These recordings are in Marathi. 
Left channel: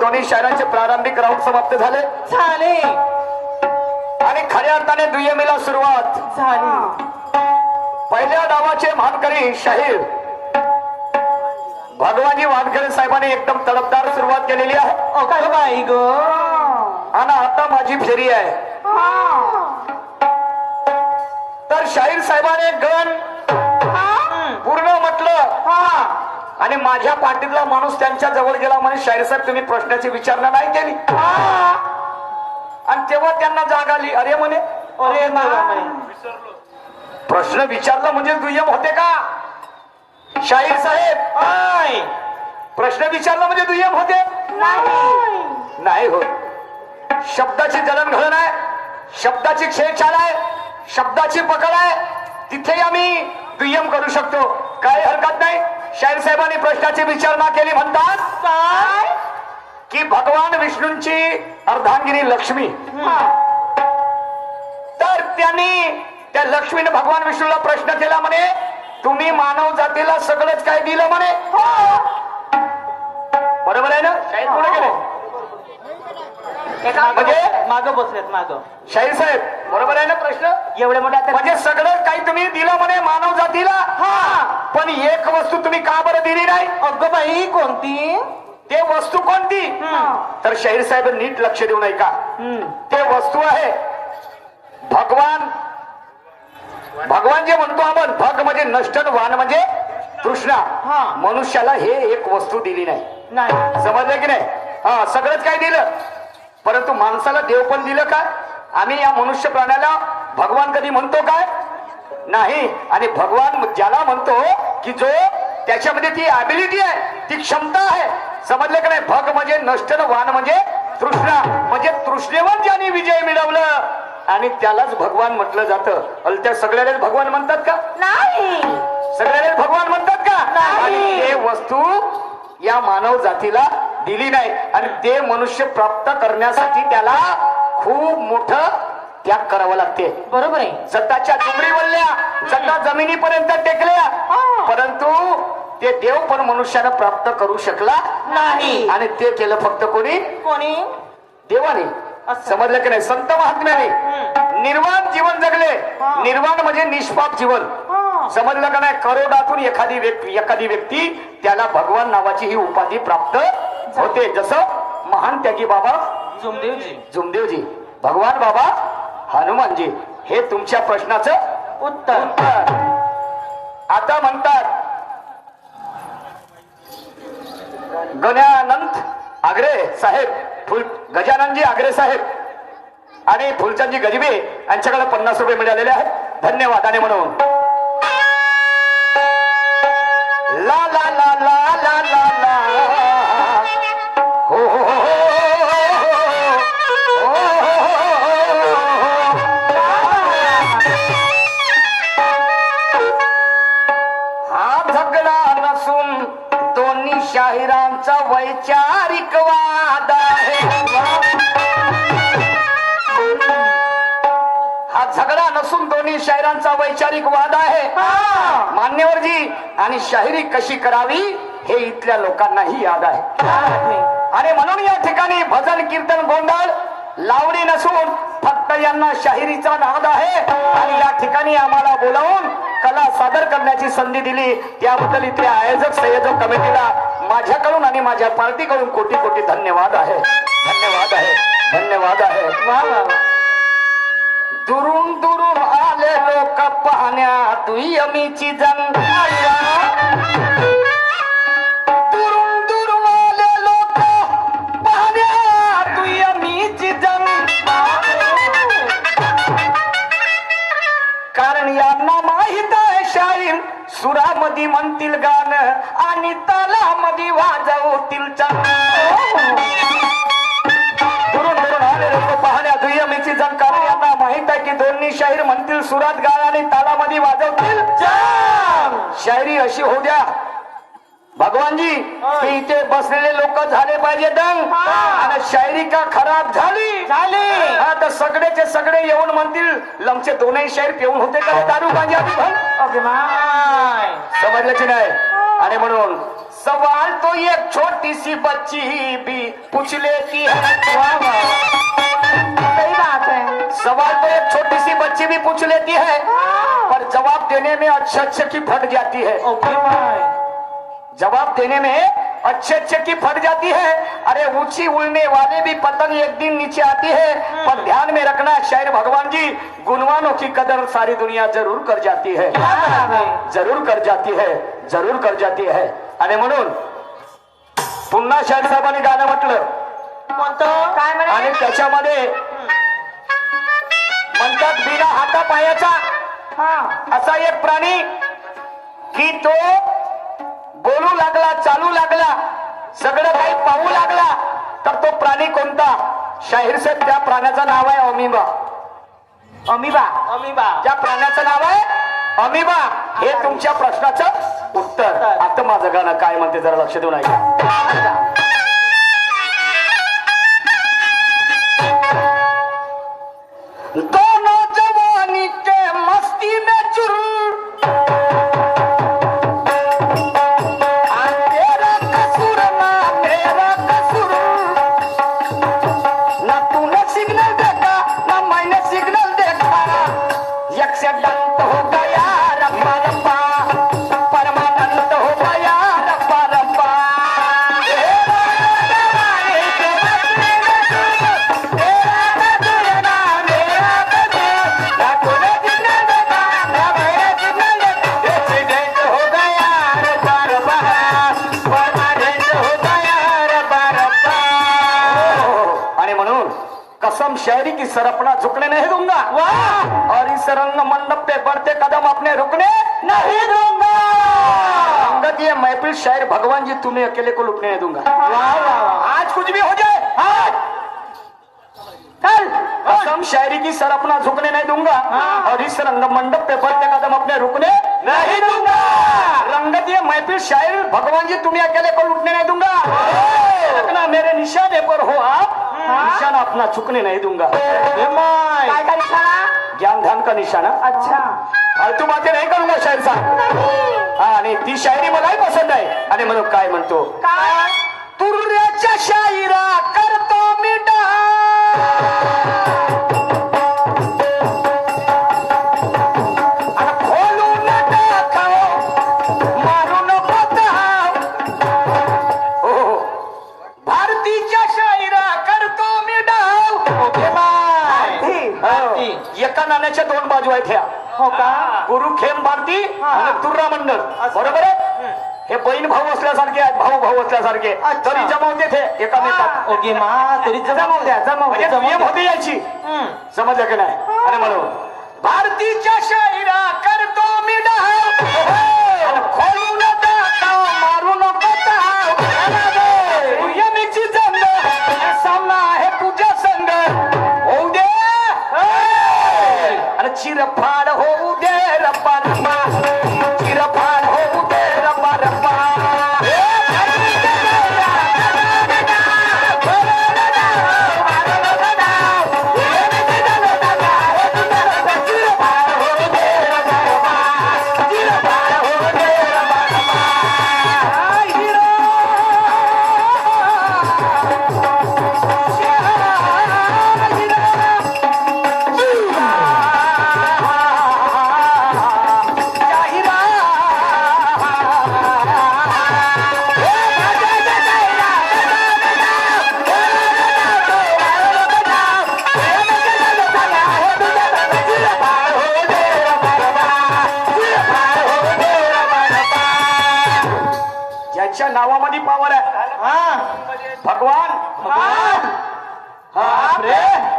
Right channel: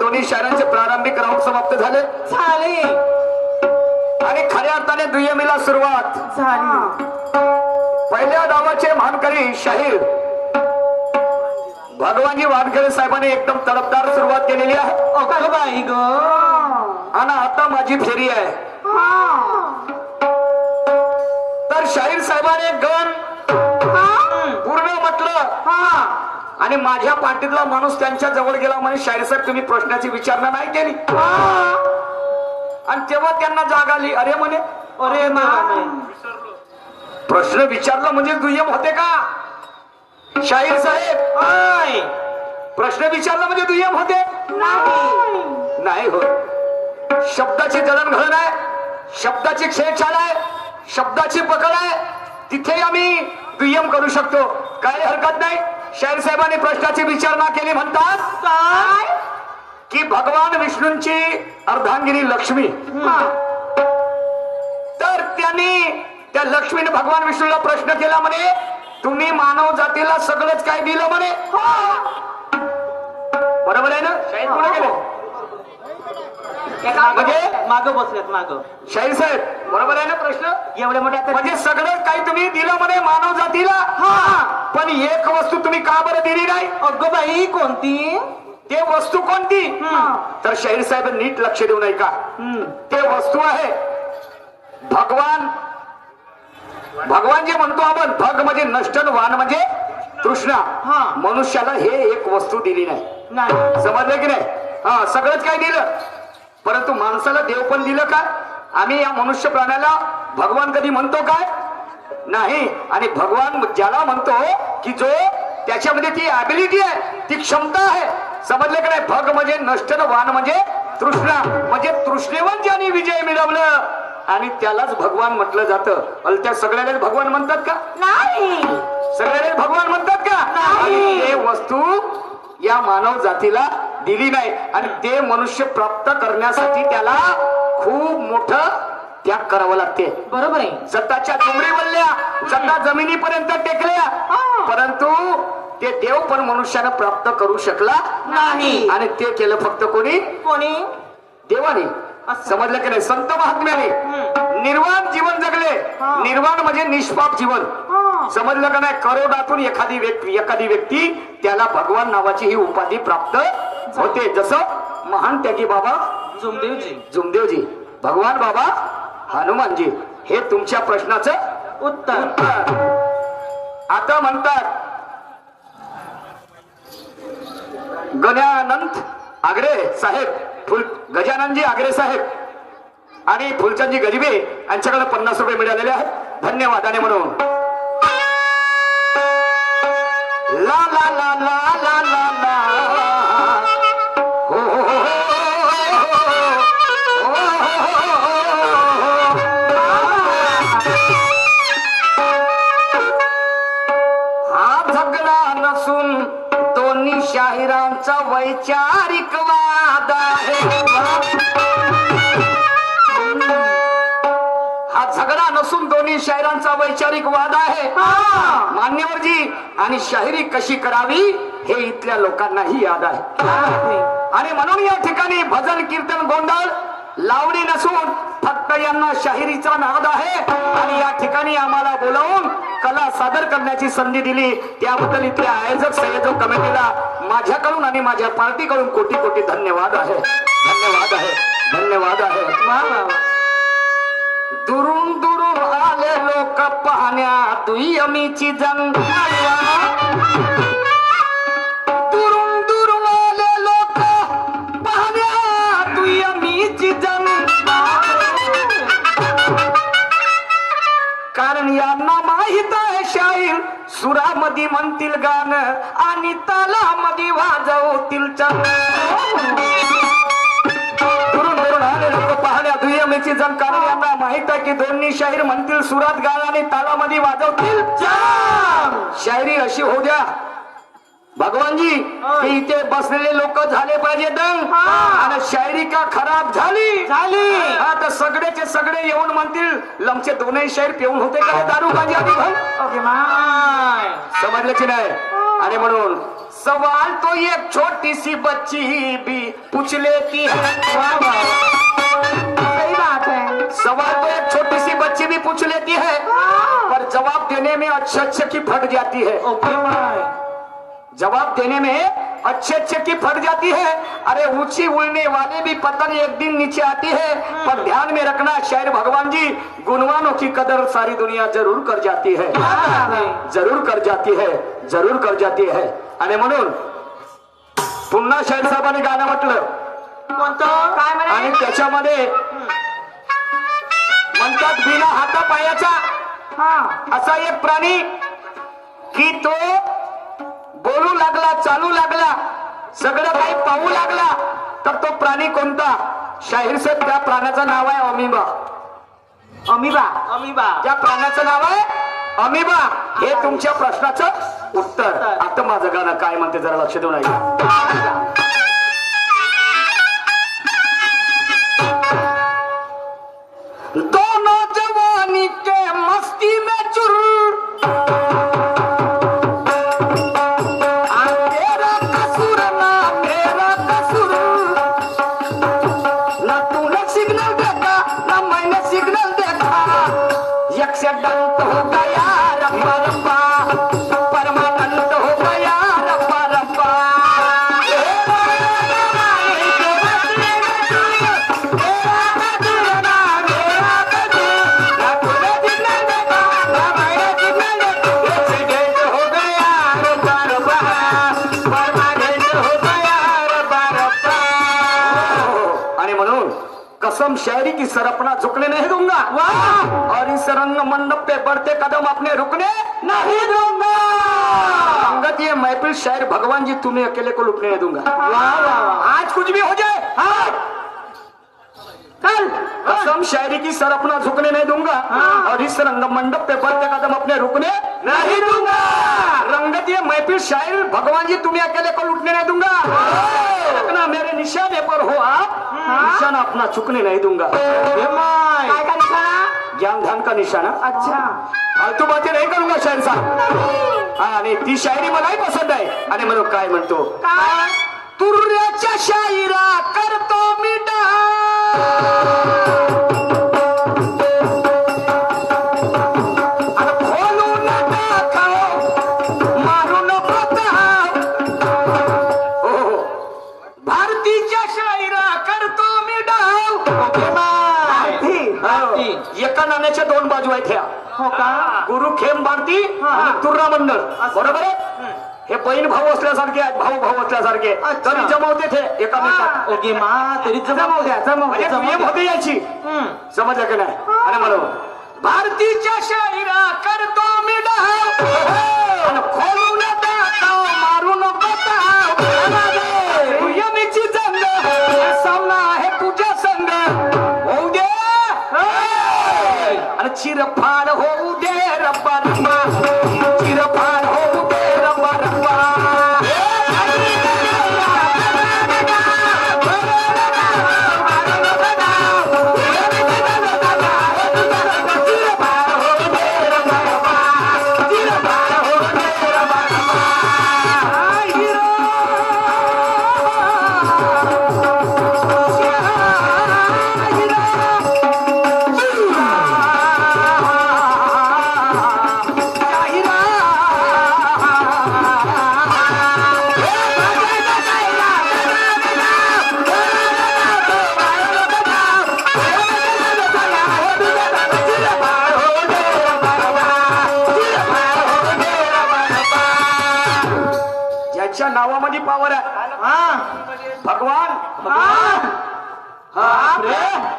दोन्ही शाळांचे प्रारंभिक राऊंड समाप्त झाले आणि खऱ्या अर्थाने दुय्यमीला सुरुवात झाली. पहिल्या डावाचे मानकरी शाहीर भगवानजी वानखेडे साहेबांनी एकदम तडफदार सुरुवात केलेली आहे. अगं बाई ग, आणि आता माझी फेरी आहे. तर शाहीर साहेबांनी गण पूर्ण म्हटलं आणि माझ्या पाठीतला माणूस त्यांच्या जवळ गेला म्हणे शाहीर साहेब तुम्ही प्रश्नाची विचारणा नाही केली. आणि तेव्हा त्यांना जाग आली. अरे म्हणे अरे प्रश्न विचारला म्हणजे दुय्यम होते का शाहीर साहेब? प्रश्न विचारला म्हणजे दुय्यम होते नाही होत. शब्दाची जडणघडण आहे, शब्दाची छेडछाड आहे, शब्दाची पकड आहे, तिथे आम्ही दुय्यम करू शकतो. काही हरकत नाही. शाहीर साहेबांनी प्रश्नाची विचारणा केली. म्हणतात की भगवान विष्णूंची अर्धांगिनी लक्ष्मी, तर त्यांनी त्या लक्ष्मीने भगवान विष्णूला प्रश्न केला म्हणे तुम्ही मानव जातीला सगळंच काय दिलं म्हणे. बरोबर आहे ना? म्हणजे मागं बसलेत मागं. शाहीर साहेब बरोबर आहे ना प्रश्न? एवढे मोठे म्हणजे सगळं काही तुम्ही दिलं म्हणे मानव जातीला, पण एक वस्तू तुम्ही का बरं दिली नाही? अगं बाई कोणती? ते वस्तू कोणती? तर शाहीर साहेब नीट लक्ष देऊ नये का? ते वस्तू आहे भगवान. भगवान जे म्हणतो आपण, भग म्हणजे नष्ट, वान म्हणजे तृष्णा. मनुष्याला हे एक वस्तू दिली नाही. समजले की नाही? सगळंच काय दिलं, परंतु माणसाला देव पण दिलं का? आम्ही या मनुष्य प्राण्याला भगवान कधी म्हणतो काय? नाही. आणि भगवान ज्याला म्हणतो की जो त्याच्यामध्ये ती ऍबिलिटी आहे, ती क्षमता आहे. समजलं की नाही? भग म्हणजे नष्ट, वान म्हणजे तृष्णा. म्हणजे तृष्णेवर ज्याने विजय मिळवलं आणि त्यालाच भगवान म्हटलं जातं. त्या सगळ्यालाच भगवान म्हणतात का? नाही. सगळ्यालाच भगवान म्हणतात का? आणि ते वस्तू या मानव जातीला दिली नाही. आणि ते मनुष्य प्राप्त करण्यासाठी त्याला खूप मोठं त्याग करावं लागते. बरोबर आहे. जटाच्या डोंगरी बोलल्या, जटा जमिनीपर्यंत टेकल्या, परंतु ते देव पण मनुष्यानं प्राप्त करू शकला नाही. आणि ते केलं फक्त कोणी? देवाने. समजलं की नाही? संत महात्म्याने निर्वाण जीवन जगले. निर्वाण म्हणजे निष्पाप जीवन. समजलं का नाही? करोडातून एखादी व्यक्ती त्याला भगवान नावाची ही उपाधी प्राप्त होते. जसं महान त्यागी बाबा जुमदेवजी, भगवान बाबा हनुमानजी. हे तुमच्या प्रश्नाचं उत्तर. आता म्हणतात गजानंद आगरे साहेब, गजाननजी आगरे साहेब आणि फुलचंदजी गजबे यांच्याकडे 50 रुपये मिळालेले आहेत धन्यवादाने म्हणून. ला ला ला ला ला ला ला हो हो हा झगडा नसून दोन्ही शाहिरांचा वैचारिक वाद आहे. हा झगडा नसून दोन्ही शाहिरांचा वैचारिक वाद आहे. मान्यवरजी आणि शाहिरी कशी करावी हे इथल्या लोकांनाही याद आहे. आणि म्हणून या ठिकाणी भजन कीर्तन गोंधळ लावणी नसून फक्त यांना शाहिरीचा नाद आहे. आणि या ठिकाणी आम्हाला बोलावून कला सादर करण्याची संधी दिली त्याबद्दल इथे आयोजक संयोजक कमिटीला माझ्याकडून आणि माझ्या पार्टीकडून कोटी कोटी धन्यवाद आहे. धन्यवाद आहे. धन्यवाद आहे. दुरून दुरून आले लोक पाहण्या दुय्यमीची जंग. दुरून दुरून आले लोक पाहण्या दुय्यमीची जंग. कारण यांना माहित आहे शाहीर सुरामध्ये म्हणतील गाणं आणि तालामध्ये वाजवतील चंग. दुरून दुरून आले लोक पाहण्या दुय्यमीची जंग. कारण यांना माहित आहे की दोन्ही शाहीर म्हणतील सुरात गाणं आणि तालामध्ये वाजवतील चंग. शायरी अशी होऊ द्या भगवानजी होय. हे इथे बसलेले लोक झाले पाहिजे दंग हा. आणि शायरी का खराब झाली झाली. हा तर सगळेचे सगळे येऊन म्हणतील लमचे दोनही शायर पिऊन होते का दारू गांजा पिऊन ओके माय. समजलं की नाही आणि म्हणून सवाल तो एक छोटी सी बच्ची भी पूछ लेती है वाह वाह. सही बात है. सवाल तो एक छोटी सी बच्ची भी पूछ लेती है पर जवाब देने में अच्छे अच्छे की फट जाती है ओके माय. जवाब देने में अच्छे अच्छे की फट जाती है अरे ऊंची उड़ने वाले भी पतंग एक दिन नीचे आती है पर ध्यान में रखना है शायर भगवान जी गुणवानों की कदर सारी दुनिया जरूर कर जाती है जरूर कर जाती है जरूर कर जाती है आणि म्हणून पुन्हा शाहीर साहेबांनी गाणं म्हटलं कोणतं? काय म्हणे? आणि त्याच्यामध्ये म्हणतात बिना हाता पायाचा हा. असा एक प्राणी की तो बोलू लागला चालू लागला सगळं काही पाहू लागला तर तो प्राणी कोणता शाहीर साहेब त्या प्राण्याचं नाव आहे अमिबा अमिबा. अमिबा. त्या प्राण्याचं नाव आहे अमिबा हे तुमच्या प्रश्नाचं उत्तर आता माझं गाणं काय म्हणते जरा लक्ष देऊन ऐका दोनों जवानी के मस्ती में चुर तेरा कसूर ना मेरा कसूर ना तूने सिग्नल देखा ना मैंने सिग्नल देखा एक्सीडेंट हो गया रब्बा रब्बा परमानेंट हो गया रब्बा रब्बा आणि म्हणून कसम शायरी की सरपना झुकने नहीं दूंगा और इस रंग मंडप पे बढ़ते कदम अपने रुकने नहीं दूंगा संगत ये महफिल शायर भगवान जी तुम्हें अकेले को लुटने नहीं दूंगा आज कुछ भी हो जाए कल कसम शायरी की सरपना झुकने नहीं दूंगा और इस रंग मंडप पे बढ़ते कदम अपने रुकने नहीं दूंगा रंगत ये महफिल शायर भगवान जी तुम्हें अकेले को लुटने नहीं दूंगा रखना मेरे निशाने पर हो आप निशाना अपना चुकने नहीं दूंगा काय का निशाणा? ज्ञान ध्यान का निशाना अच्छा. फालतू बातें नाही करूंगा शायर साहेब हा आणि ती शायरी मलाही पसंत आहे आणि म्हणून काय म्हणतो काय? तुर्याच्या शायरा करतो मी खोलून टाकाव मारून पोताव हो भारतीच्या शायरा करतो मी डाव ओके माय. हो. एका नाण्याच्या दोन बाजू आहेत ह्या हो का? गुरु खेम भारती आणि तुर्रा मंडळ बरोबर आहे हे बहीण भाऊ असल्यासारखे आहेत भाऊ भाऊ असल्यासारखे अच्छा. तरी जमवते ते एकामेकात ओके मा. तरी जमव द्या जमव म्हणजे द्या, प्रेम जमव होते याची द्या. समजलं की नाही आणि म्हणून भारतीच्या शायरा करतो मी डाव आणि खोलू नका ताव, मारू नको ताव. यमीची जंग सामना आहे तुझ्या संग होऊ दे आणि चिरफाड होऊ दे रब्बा रब्बा चिरफाड होऊ दे रब्बा रब्बा ज्याच्या नावामध्ये पावर आहे हा. भगवान हा. बापरे.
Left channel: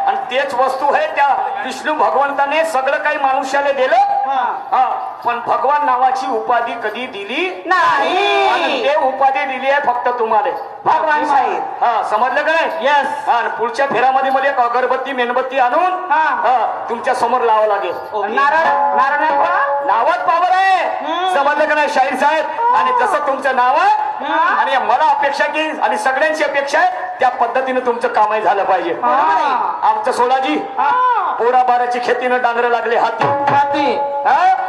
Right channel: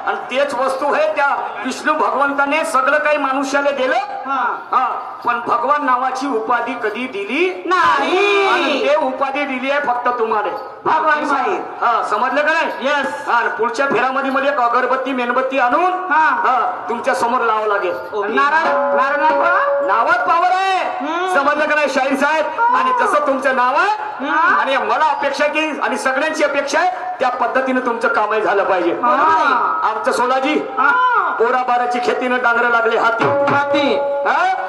आणि तेच वस्तू आहे त्या विष्णू भगवंताने सगळं काही मनुष्याला दिलं. हा, पण भगवान नावाची उपाधी कधी दिली नाही. आणि ते उपाधी दिली आहे फक्त तुम्हाला. भगवान साहेब. हा, समजलं का नाही? यस. हा, पुढच्या फेऱ्यामध्ये मला एक अगरबत्ती मेणबत्ती आणून हा. तुमच्या समोर लावावं लागेल. नारळ नारळ नाही का? नावात पावर आहे. समजलं का नाही शाहीर साहेब? आणि जसं तुमचं नाव आहे आणि मला अपेक्षा की आणि सगळ्यांची अपेक्षा आहे त्या पद्धतीने तुमचं कामही झालं पाहिजे. आमचं सोलाजी पोरा बाराची खेतीनं डांगर लागले हाती हाती.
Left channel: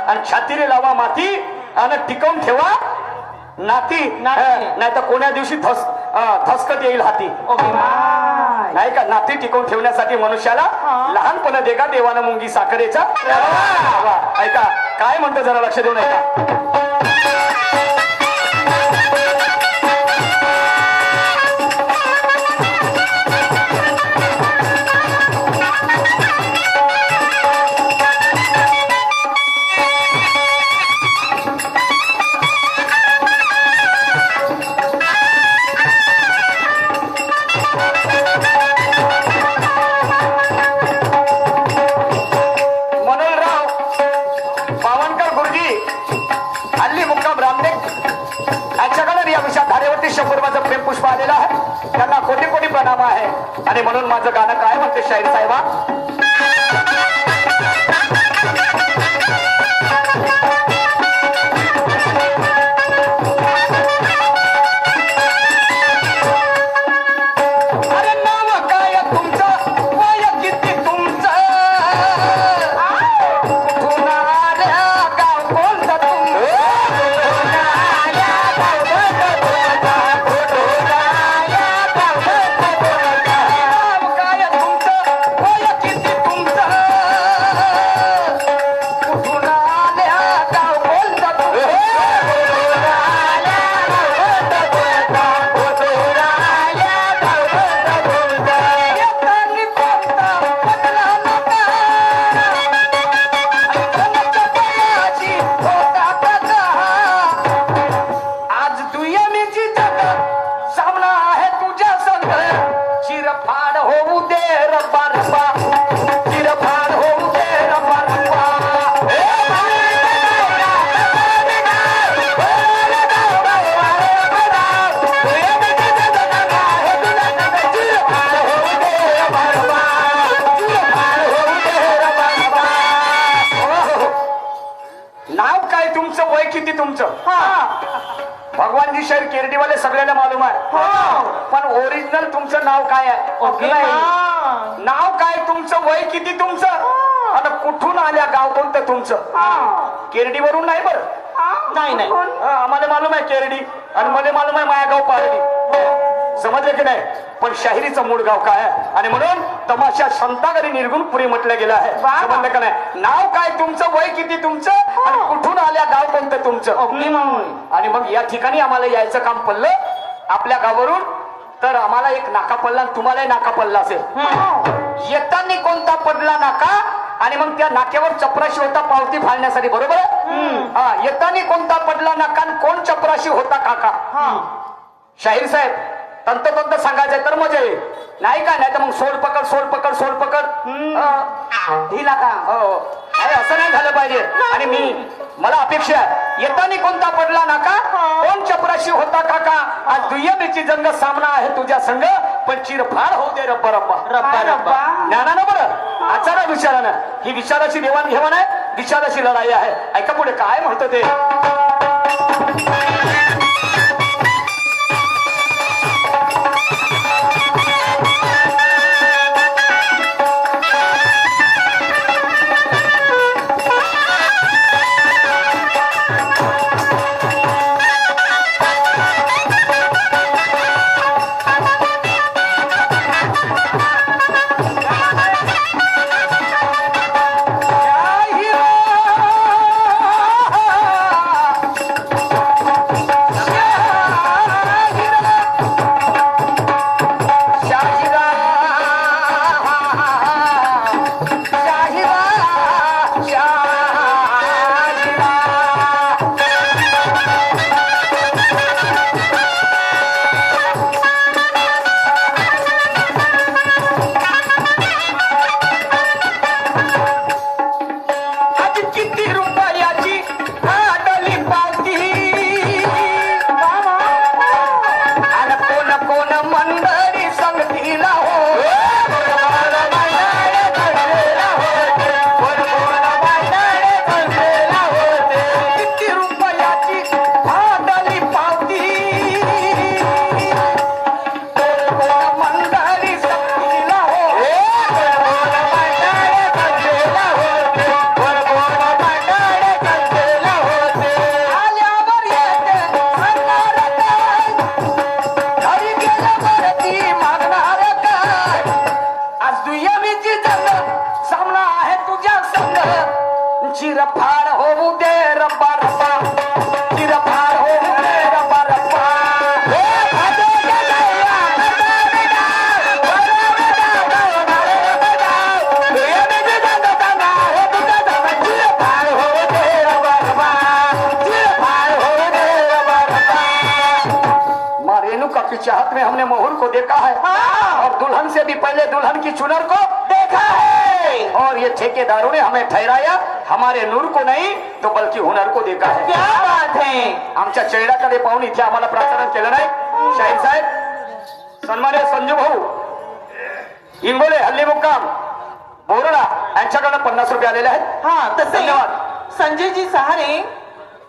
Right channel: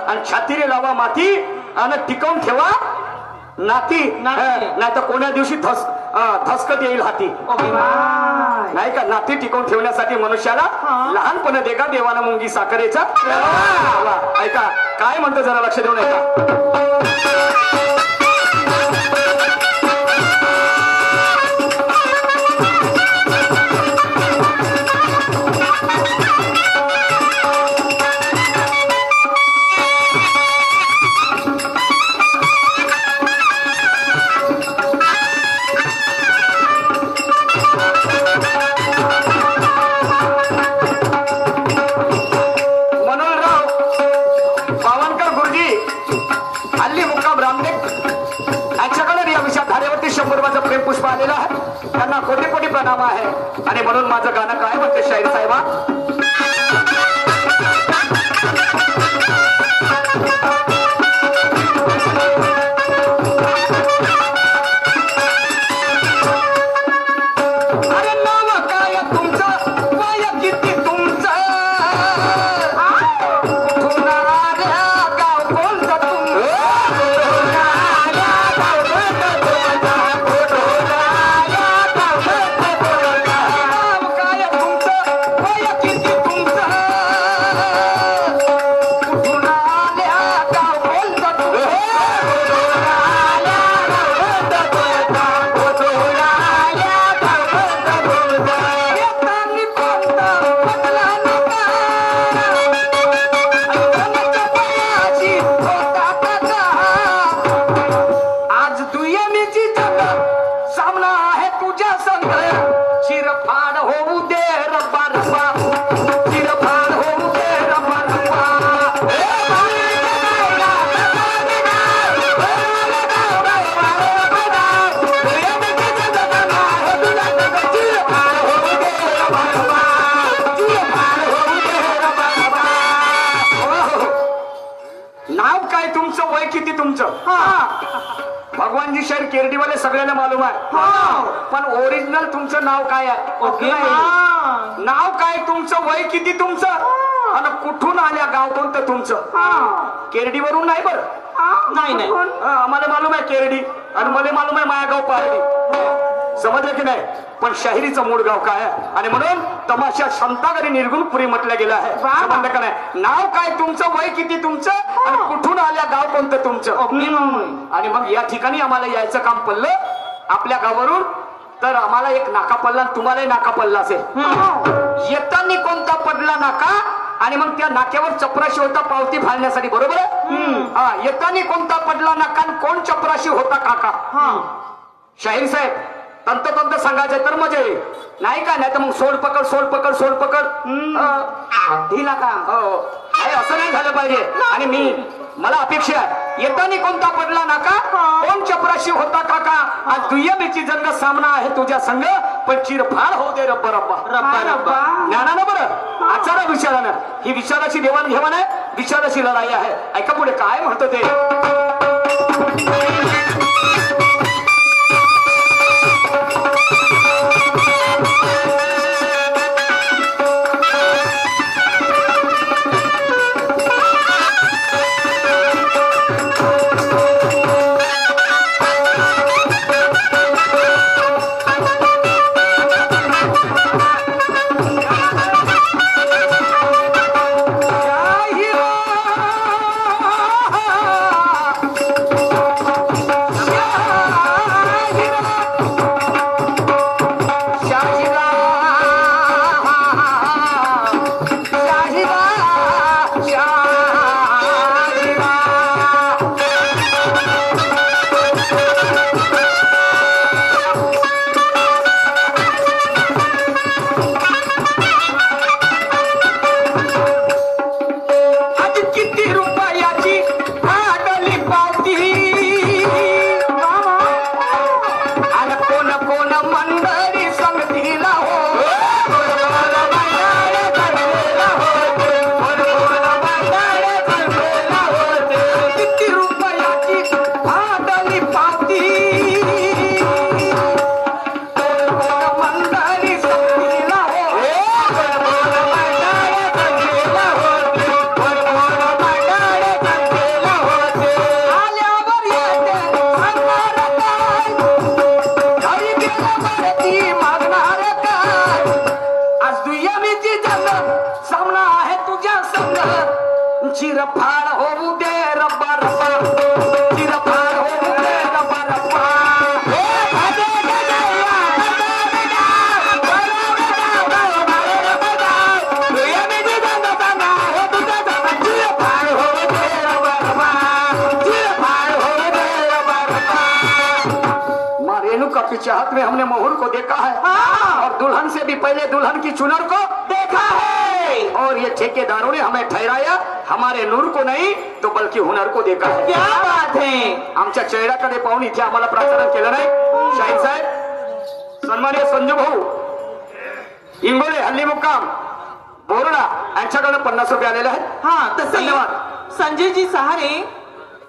आणि छातीने लावा माती आणि टिकवून ठेवा नाती. नाही तर कोण्या दिवशी धसकत येईल हाती. नाही का? नाती टिकवून ठेवण्यासाठी मनुष्याला लहानपणे देगा देवानं मुंगी साखरेचा. वा, ऐका काय म्हणतो जरा लक्ष देऊन ऐका. हल्ली मुक्काम रामदेव यांच्याकडे या विषयात धारेवरती 100 प्रेम पुष्प आलेलं आहे. त्यांना कोटी कोटी प्रणाम आहे. आणि म्हणून माझं गाणं काय म्हणते शाहीर साहेबा. अरे नाव काय तुमचं, वय किती तुमचं, चिरफाड होऊ दे रब्बा रब्बा, चिरफाड होऊ दे रब्बा रब्बा. नाव काय तुमचं, वय किती तुमचं. भगवानजी शहर केरडीवाले सगळ्यांना मालूम आहे. पण ओरिजिनल तुमचं नाव काय आहे? नाव काय तुमचं, वय किती तुमचं, आणि कुठून आल्या, गाव कोणतं तुमचं. केरडीवरून नाही बरं. नाही नाही, आम्हाला मालूम आहे केरडी आणि मला मालूम आहे मायागाव पारडी. समजलं की नाही? पण शाहिरीचं मूळ गाव काय आहे. आणि म्हणून तमाशा संतागरी निर्गुण पुरी म्हटलं गेलं आहे. समजलं का नाही? नाव काय तुमचं, वय किती तुमचं, आणि कुठून आल्या, गाव कोणतं तुमचं. आणि मग या ठिकाणी आम्हाला यायचं काम पडलं आपल्या गावावरून. तर आम्हाला एक नाका पडला, तुम्हालाही नाका पडला असेल. येताना कोणता पडला नाका, आणि मग त्या नाक्यावर चपराशी होता पावती फाडण्यासाठी. बरोबर आहे? येताना कोणता पडला नाका, कोण चपराशी होता काका. शाहीर साहेब तंतोतंत सांगायचं तर मजा येईल. नाही का? नाही तर मग सोड पकड सोड पकड सोड पकड ढिला का. नाही, असं नाही झालं पाहिजे. आणि मला अपेक्षा आहे येताना कोणता पडला नाका, कोण चपराशी होता काका. आज दुय्यमेची जंग सामना आहे तुझ्या संग, पण चिरफाड होऊ दे रब्बा रब्बा. ज्ञानानं बरं आचार्य विचारानं ही विचाराची देवाणघेवाण आहे, विचाराची लढाई आहे. ऐका पुढे काय म्हणतो ते. तुझ्या संग चिरफाड होऊ दे रब्बा रब्बा, चिरफाड होऊ दे रब्बा रब्बा. हे भजे गजया, गजया, हे बिजू जंग संगा, हे तुझा संग चिरफाड होऊ दे रब्बा रब्बा, चिरफाड होऊ दे रब्बा रब्बा. माँ रेणुका के चाहत में हमने मोहर को देखा है, और दुल्हन से भी पहले दुल्हन की चुनर को देखा है. और ये ठेकेदारों ने हमें ठहराया हमारे नूर को नहीं तो बल्कि हुनर को देखा है. क्या बात है. आमच्या चेहऱ्याकडे पाहून इथे आम्हाला प्रार्थना केलं नाही. शाहीर साहेब, सन्मान्य संजू भाऊ इंगोले, हल्ली मुक्काम बोरडा यांच्याकडे 50 रुपये आलेले आहेत. हा तसे धन्यवाद. संजयजी सहारे,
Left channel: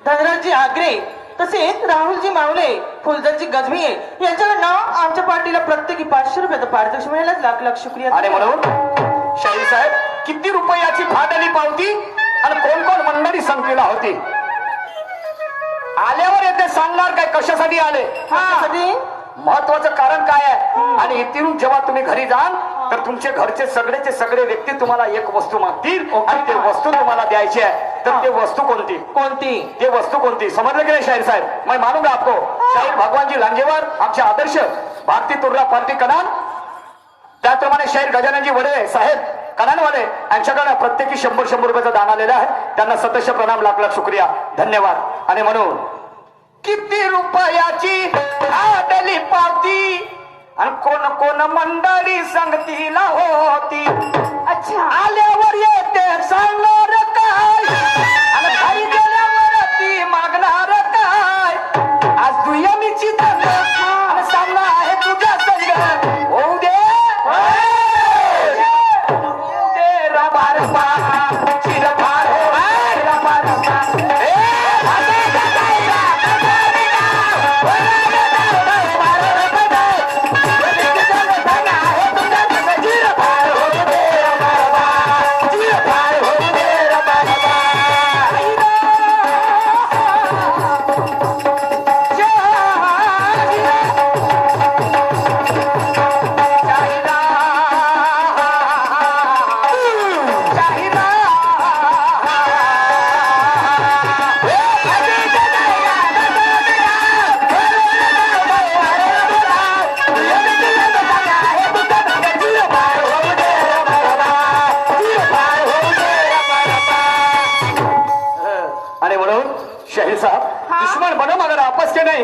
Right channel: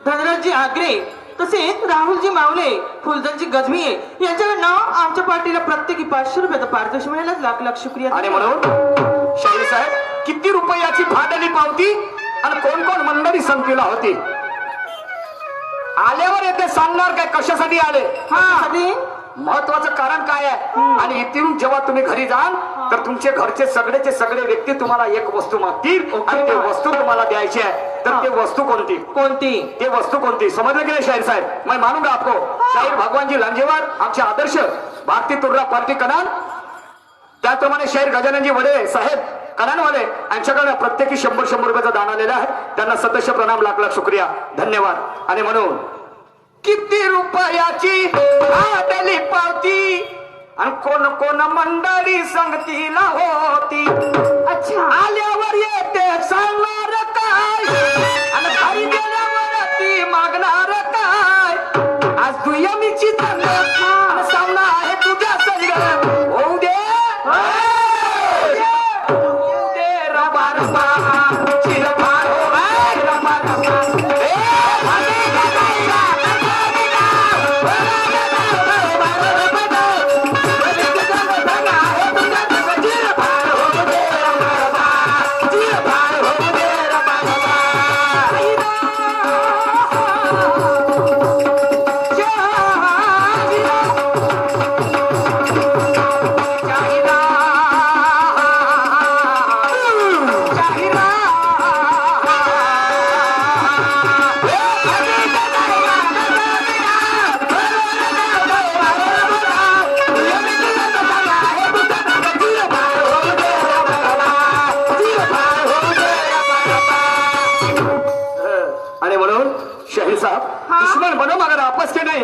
धनराजजी आगरे, तसेच राहुलजी मावले, फुलदरजी गजमिये यांच्याकडनं आमच्या पार्टीला प्रत्येकी 500 रुपये पारितोषिक मिळालं. लाख लाख शुक्रिया. आणि म्हणून शाहीर साहेब, किती रुपयाची फाटली पावती आणि कोण कोण मंडळी संख्येला होती. आल्यावर येते सांगणार काय कशासाठी आले, हा कधी महत्वाचं कारण काय आहे. आणि इथून जेव्हा तुम्ही घरी जाल तर तुमचे घरचे सगळेचे सगळे व्यक्ती तुम्हाला एक वस्तू मागतील आणि ते वस्तू तुम्हाला द्यायची आहे. तर ते वस्तू कोणती, कोणती ते वस्तू कोणती समजले की नाही शाहीर साहेब. मैं मानूंगा आपको. शाहीर भगवानजी लांजेवार आमचे आदर्श भारतीय तुर्रा पार्टी कनान, त्याचप्रमाणे शाहीर गजाननजी वडे साहेब कनानवाले यांच्याकडे प्रत्येकी 100 रुपयाचं दान आलेलं आहे. त्यांना सतश प्रणाम, लाख लाख शुक्रिया, धन्यवाद. आणि म्हणून किती रुपयाची आडली पावती आणि कोण कोण मंडळी संगतीला होती. अच्छा आल्यावर येते सांगणार काय आणि घरी गेल्यावर ती मागणार काय. आज दुयमीची दंड आणि सामना आहे तुझ्या संग. होऊ दे रबा रबा, चिरफाड होऊ दे रबा रबा. शाहीर साहब, दुश्मन बनो मगर आपस के नहीं,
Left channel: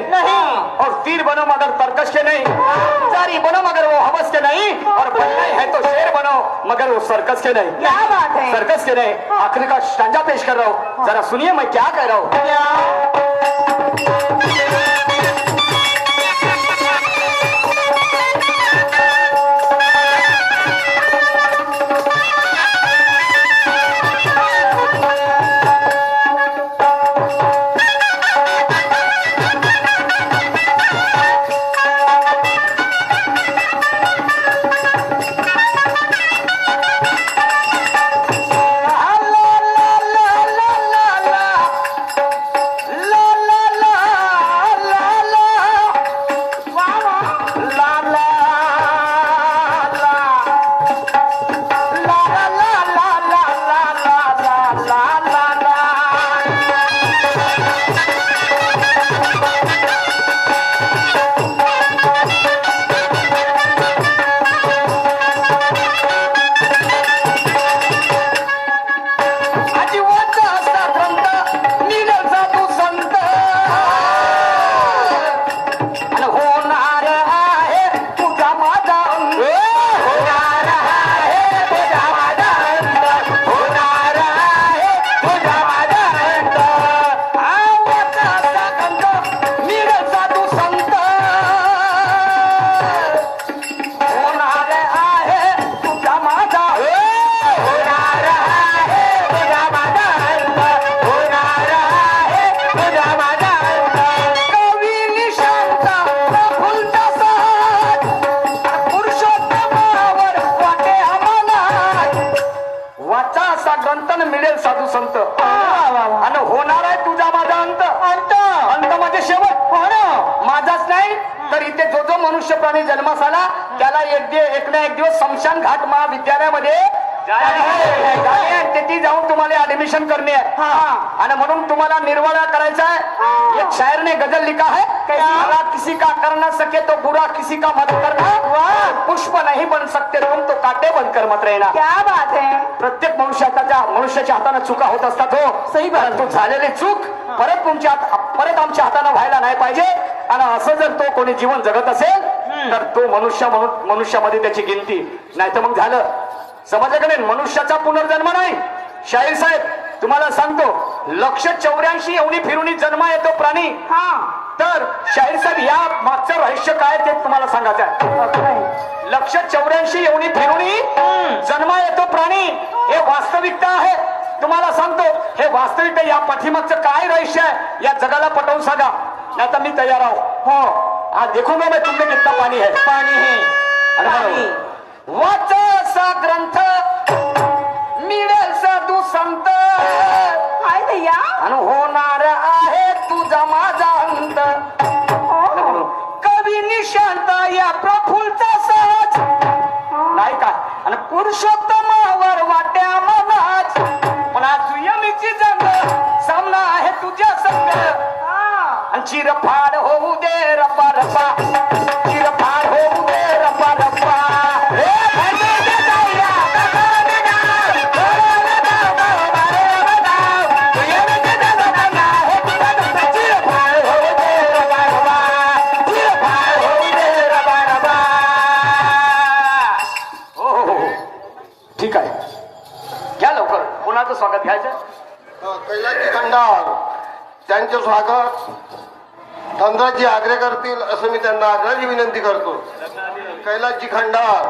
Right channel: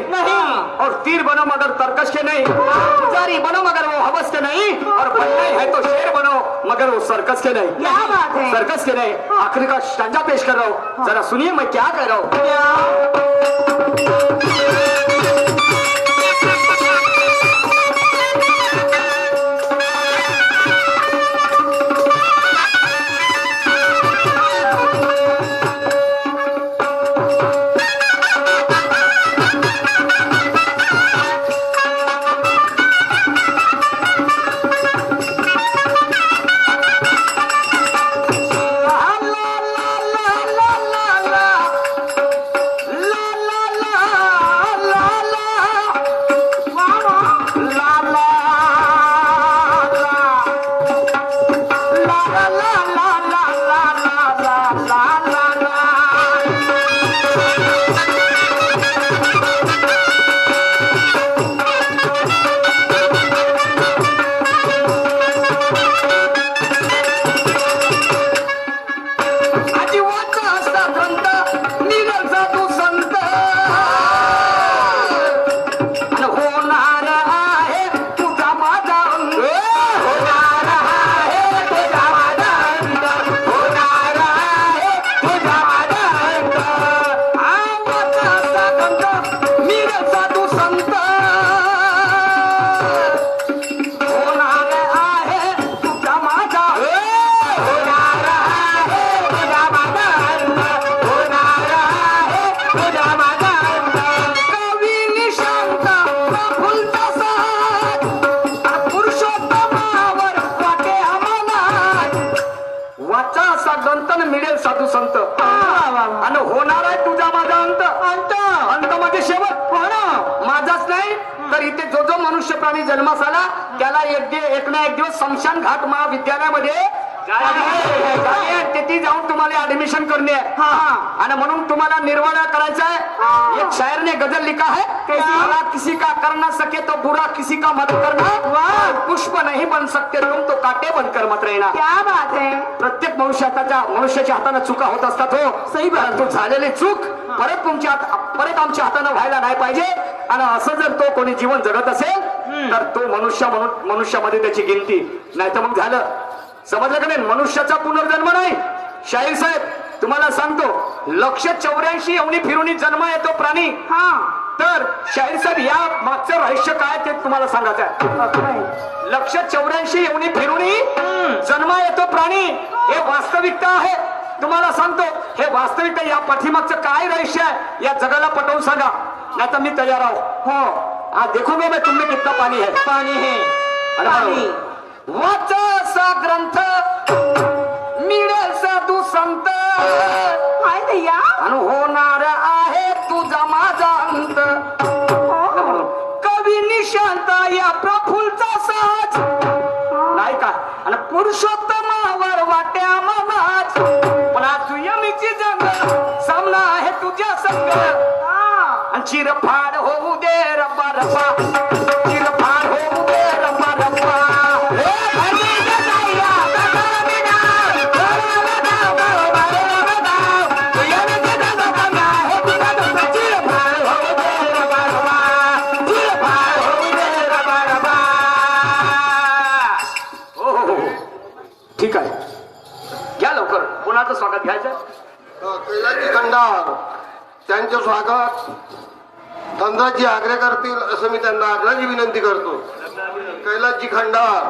और तीर बनो मगर तर्कश के नहीं, पुजारी बनो मगर वो हवस के नहीं, और बनना ही है तो शेर बनो मगर वो सर्कस के नहीं. क्या बात है. सर्कस के नहीं. आखिरी का शांजा पेश कर रहा हूँ, जरा सुनिए मैं क्या कह रहा हूँ. साधू संत आणि होणार आहे तुझा माझा अंत. अंत अंत म्हणजे शेवट. हो ना. माझाच नाही तर इथे जो जो मनुष्य प्राणी जन्मास आला त्याला एक ना एक दिवस स्मशान घाट महाविद्यालयामध्ये तिथे जाऊन तुम्हाला ऍडमिशन करनी है आणि म्हणून तुम्हाला निर्वाळा करायचा है। एक शायर ने गजल लिखा है, भला किसी का कर न सके तो बुरा किसी का मत करना, पुष्प नहीं बन सकते तुम तो काटे बनकर मत रहना। क्या बात है. प्रत्येक मनुष्याच्या हाताने चुका होत असतात हो, सही बात. परंतु झालेली चूक परत आमच्या हाताने व्हायला नाही पाहिजे। आणि असं जर तो कोणी जीवन जगत असेल तर तो मनुष्यामध्ये त्याची गिनती नाही तर मग झालं, समजलं का नाही? मनुष्याचा पुनर्जन्म नाही। शाहीर साहेब तुम्हाला सांगतो, 184 एवढी फिरुनी जन्म येतो प्राणी। तर शाहीर साहेब या मागचं रहस्य काय ते तुम्हाला सांगायचं आहे। 184 एवढी फिरुनी जन्म येतो प्राणी, हे वास्तविकता आहे। तुम्हाला सांगतो हे वास्तविकता, या पाठीमागचं काय रहस्य आहे या जगाला पटवून सांगा, नाही तर मी तयार आहो। हो आज देखूंगा मैं तुमने कितना पाणी है, पाणी है। आणि वाचा ग्रंथ मिळेल साधू संत, काय भैया. आणि होणार आहे तुझा माझा अंत। कवी निशांत या प्रफुलचा साज नाही का, आणि पुरुषोत्तमावर वाट्या मनात, पण आज यमीची जंग सामना आहे तुझ्या संग। आणि चिरफाड होऊ दे रब्बा रब्बा, चिरफाड होऊ दे रब्बा रब्बा। ठीक आहे, घ्या लवकर, कुणाचं स्वागत घ्यायचं? कैलासजी खंडार त्यांचे स्वागत धनराजी आग्रे करतील असं मी त्यांना आग्रही विनंती करतो। कैलासजी खंडार